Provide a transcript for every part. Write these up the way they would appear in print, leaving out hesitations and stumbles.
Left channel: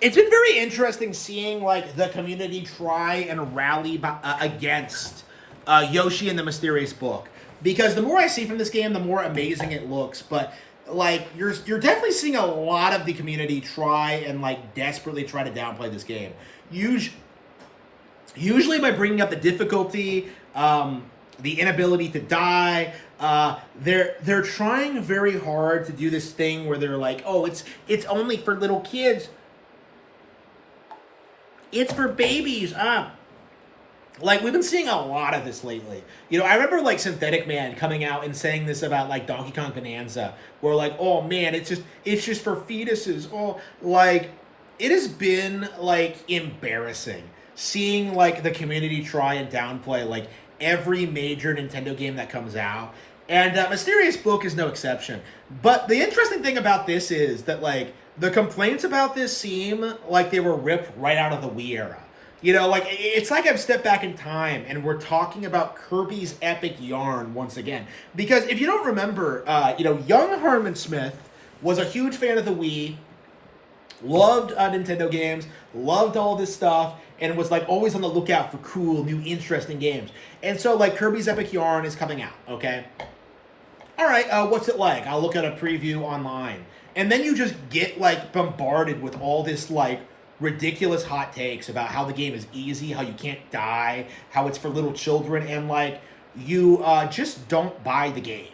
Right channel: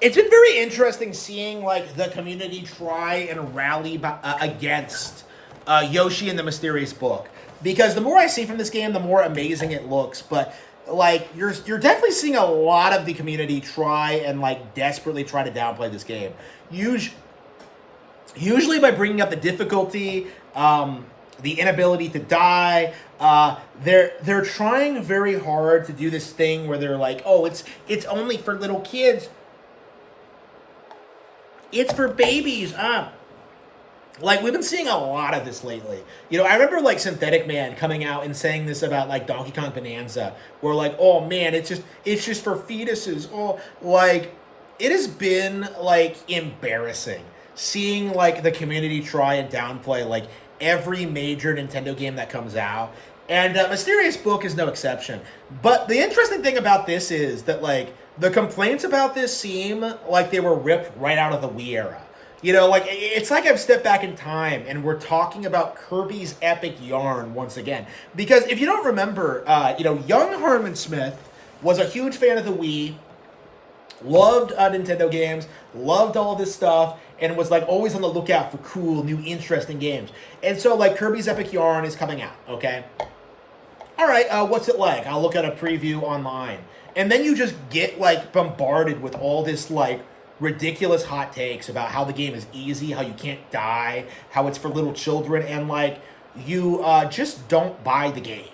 It's been very interesting seeing like the community try and rally against Yoshi and the Mysterious Book, because the more I see from this game, the more amazing it looks. But like you're definitely seeing a lot of the community try and like desperately try to downplay this game. Usually, usually by bringing up the difficulty, the inability to die. They're trying very hard to do this thing where they're like, oh, it's only for little kids. It's for babies. Like we've been seeing a lot of this lately. I remember like Synthetic Man coming out and saying this about like Donkey Kong Bonanza, where like, oh man, it's just for fetuses. Oh, like it has been like embarrassing seeing like the community try and downplay like every major Nintendo game that comes out. And Mysterious Book is no exception. But the interesting thing about this is that like the complaints about this seem like they were ripped right out of the Wii era. Like it's like I've stepped back in time and we're talking about Kirby's epic yarn once again. Because if you don't remember, young Harman Smith was a huge fan of the Wii, loved Nintendo games, loved all this stuff, and was like always on the lookout for cool, new, interesting games. And so like Kirby's Epic Yarn is coming out, okay? All right, what's it like? I'll look at a preview online. And then you just get like bombarded with all this like ridiculous hot takes about how the game is easy, how you can't die, how it's for little children, and like you just don't buy the game.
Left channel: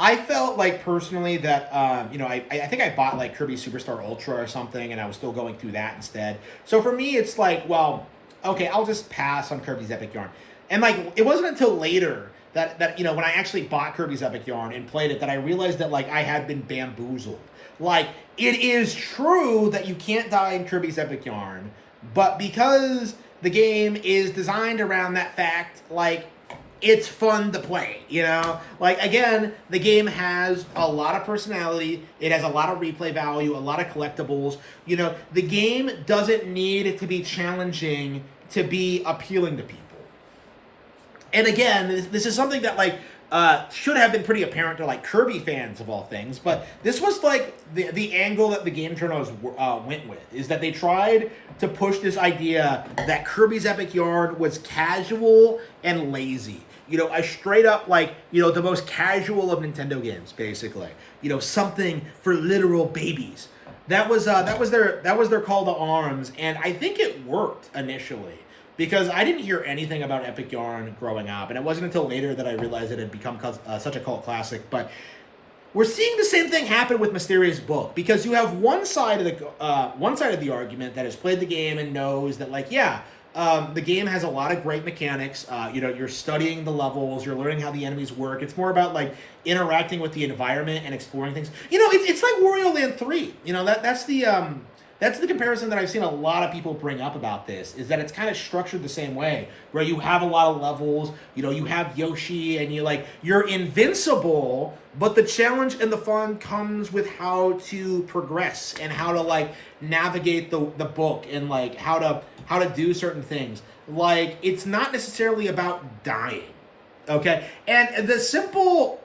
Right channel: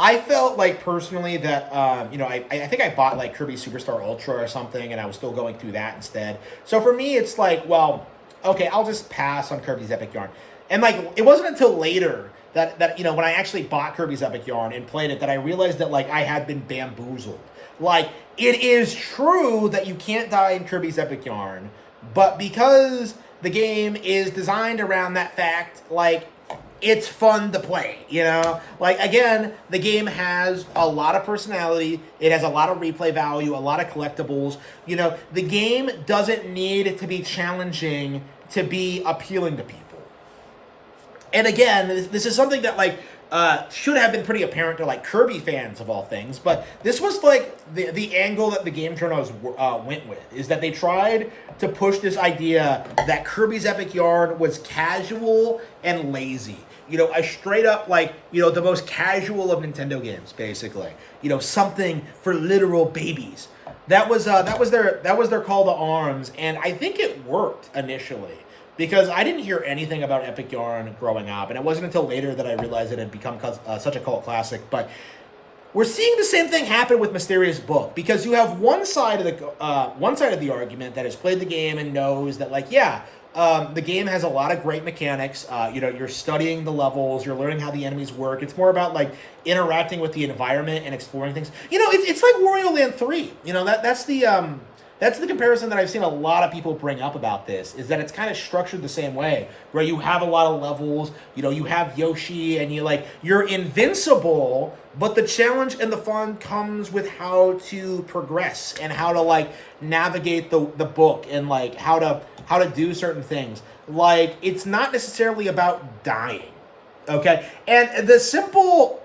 I felt like personally that I think I bought like Kirby Superstar Ultra or something, and I was still going through that instead. So for me, it's like, well, okay, I'll just pass on Kirby's Epic Yarn. And like it wasn't until later that when I actually bought Kirby's Epic Yarn and played it that I realized that like I had been bamboozled. Like it is true that you can't die in Kirby's Epic Yarn, but because the game is designed around that fact, like it's fun to play, Like, again, the game has a lot of personality. It has a lot of replay value, a lot of collectibles. The game doesn't need to be challenging to be appealing to people. And again, this is something that, like, should have been pretty apparent to, like, Kirby fans of all things. But this was, like, the angle that the game journals went with, is that they tried to push this idea that Kirby's Epic Yarn was casual and lazy. A straight up, like, the most casual of Nintendo games, basically. Something for literal babies. That was their call to arms, and I think it worked initially. Because I didn't hear anything about Epic Yarn growing up, and it wasn't until later that I realized it had become such a cult classic. But we're seeing the same thing happen with Mysterious Book, because you have one side of the argument that has played the game and knows that, like, yeah, the game has a lot of great mechanics. You're studying the levels, you're learning how the enemies work. It's more about like interacting with the environment and exploring things. It's like Wario Land 3. That's the comparison that I've seen a lot of people bring up about this, is that it's kind of structured the same way, where you have a lot of levels, you have Yoshi, and you're invincible, but the challenge and the fun comes with how to progress and how to like navigate the book and like how to do certain things. Like, it's not necessarily about dying, okay? And the simple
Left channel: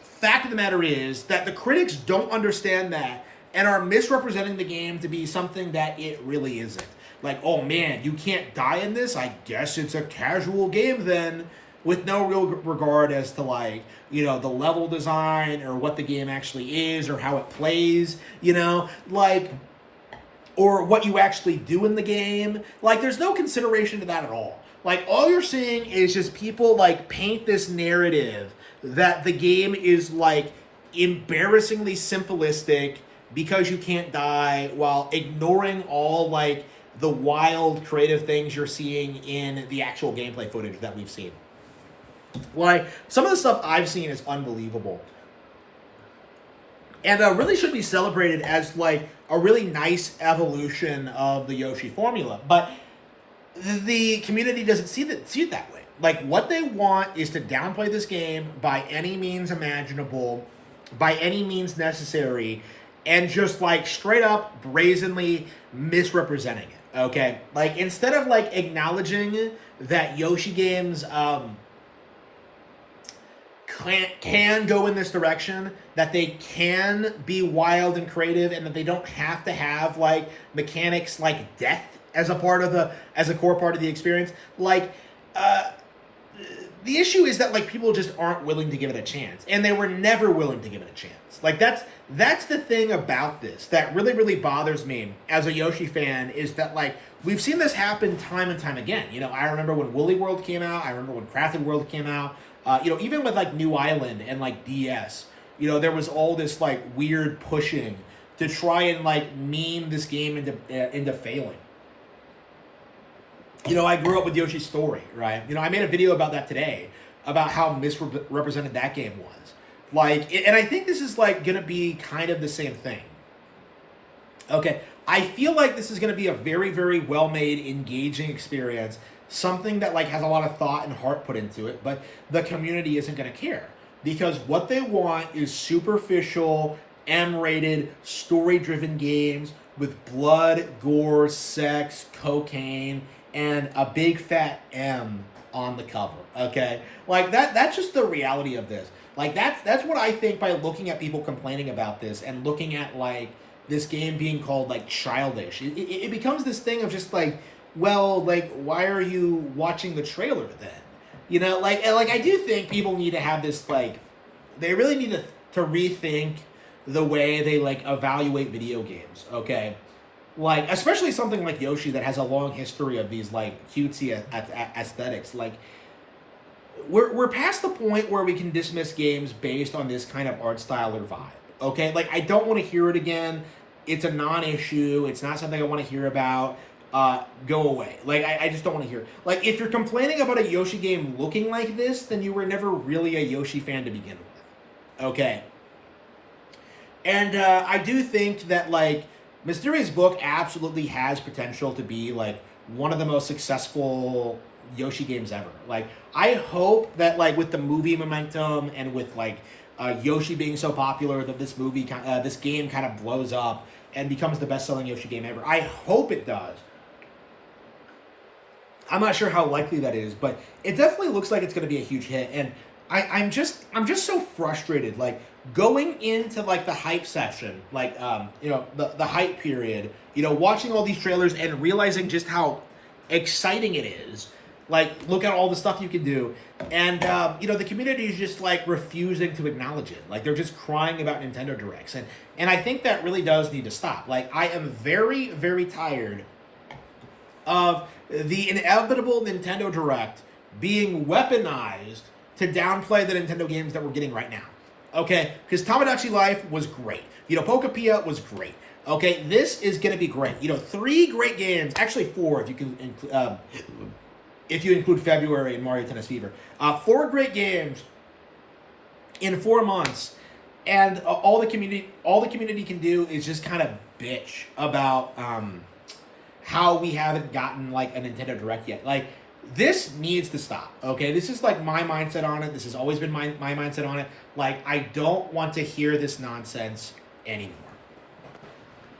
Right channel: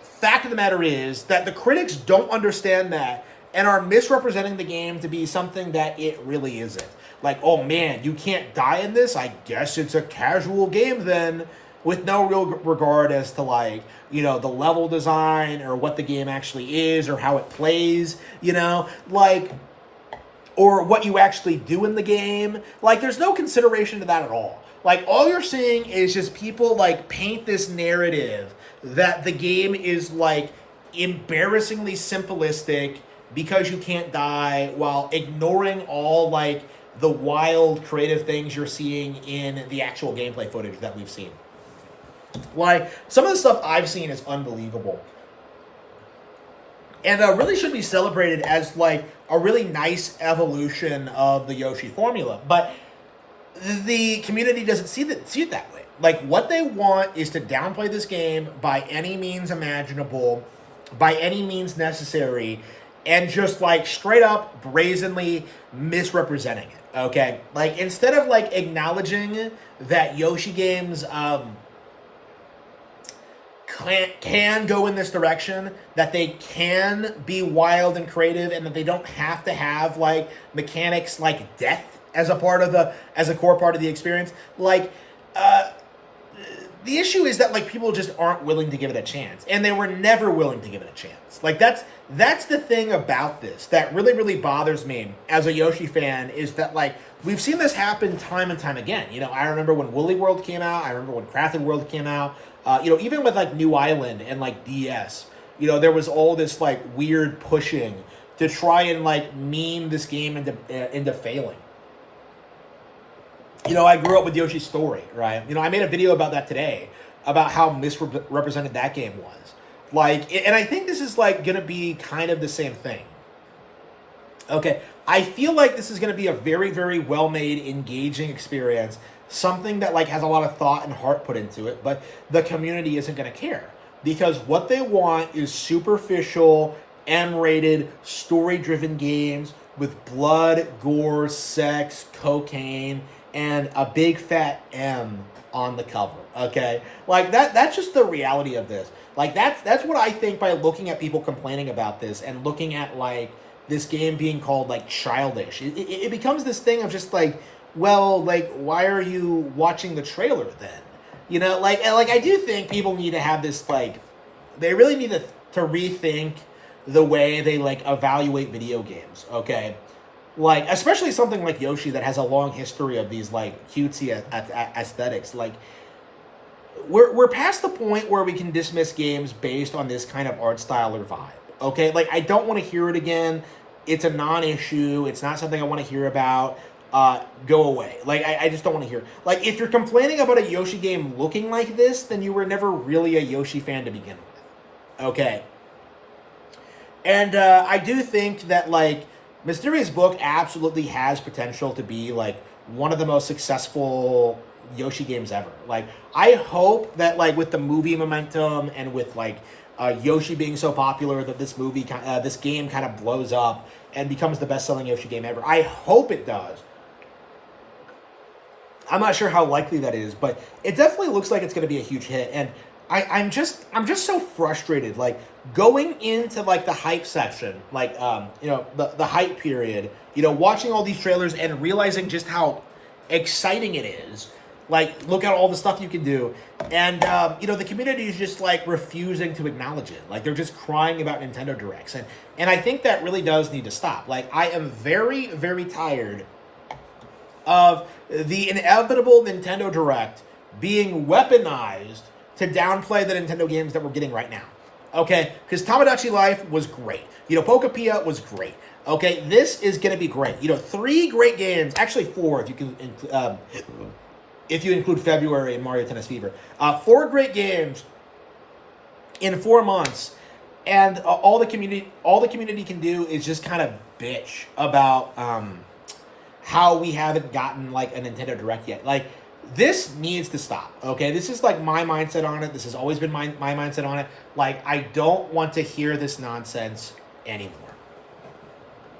fact of the matter is that the critics don't understand that and are misrepresenting the game to be something that it really isn't. Like, oh man, you can't die in this? I guess it's a casual game then, with no real regard as to like, the level design or what the game actually is or how it plays, like, or what you actually do in the game. Like, there's no consideration to that at all. Like, all you're seeing is just people like paint this narrative that the game is like embarrassingly simplistic because you can't die, while ignoring all like the wild creative things you're seeing in the actual gameplay footage that we've seen. Like, some of the stuff I've seen is unbelievable, and really should be celebrated as like a really nice evolution of the Yoshi formula. But the community doesn't see it that way. Like, what they want is to downplay this game by any means imaginable, by any means necessary, and just like straight up brazenly misrepresenting it. Okay, like, instead of like acknowledging that Yoshi games can go in this direction, that they can be wild and creative, and that they don't have to have like mechanics like death as a core part of the experience. Like, the issue is that like people just aren't willing to give it a chance, and they were never willing to give it a chance. Like that's the thing about this that really, really bothers me as a Yoshi fan, is that like we've seen this happen time and time again. You know, I remember when Woolly World came out. I remember when Crafted World came out. You know, even with like New Island and like DS, you know, there was all this like weird pushing to try and like meme this game into failing. You know, I grew up with Yoshi's Story, right? You know, I made a video about that today, about how misrepresented that game was. Like, and I think this is like gonna be kind of the same thing. Okay, I feel like this is gonna be a very, very well-made, engaging experience. Something that like has a lot of thought and heart put into it, but the community isn't going to care, because what they want is superficial, M-rated, story-driven games with blood, gore, sex, cocaine, and a big fat M on the cover. Okay, like that's just the reality of this. Like that's what I think by looking at people complaining about this and looking at like this game being called like childish. It becomes this thing of just like, well, like, why are you watching the trailer then? You know, like I do think people need to have this, like, they really need to rethink the way they, like, evaluate video games, okay? Like, especially something like Yoshi that has a long history of these, like, cutesy aesthetics. Like, we're past the point where we can dismiss games based on this kind of art style or vibe, okay? Like, I don't want to hear it again. It's a non-issue. It's not something I want to hear about. Go away. Like, I just don't want to hear it. Like, if you're complaining about a Yoshi game looking like this, then you were never really a Yoshi fan to begin with. Okay. And, I do think that, like, Mysterious Book absolutely has potential to be, like, one of the most successful Yoshi games ever. Like, I hope that, like, with the movie momentum and with, like, Yoshi being so popular that this game kind of blows up and becomes the best-selling Yoshi game ever. I hope it does. I'm not sure how likely that is, but it definitely looks like it's going to be a huge hit. And I'm just so frustrated. Like, going into like the hype section, like you know, the hype period, you know, watching all these trailers and realizing just how exciting it is. Like, look at all the stuff you can do, and you know, the community is just like refusing to acknowledge it. Like, they're just crying about Nintendo Directs, and I think that really does need to stop. Like, I am very, very tired of the inevitable Nintendo Direct being weaponized to downplay the Nintendo games that we're getting right now. Okay? Because Tamagotchi Life was great. You know, Pokapia was great. Okay? This is going to be great. You know, 3 great games. Actually, 4 if you can if you include February and Mario Tennis Fever. 4 great games in 4 months. And all the community can do is just kind of bitch about how we haven't gotten like a Nintendo Direct yet. Like, this needs to stop, okay? This is like my mindset on it. This has always been my mindset on it. Like, I don't want to hear this nonsense anymore.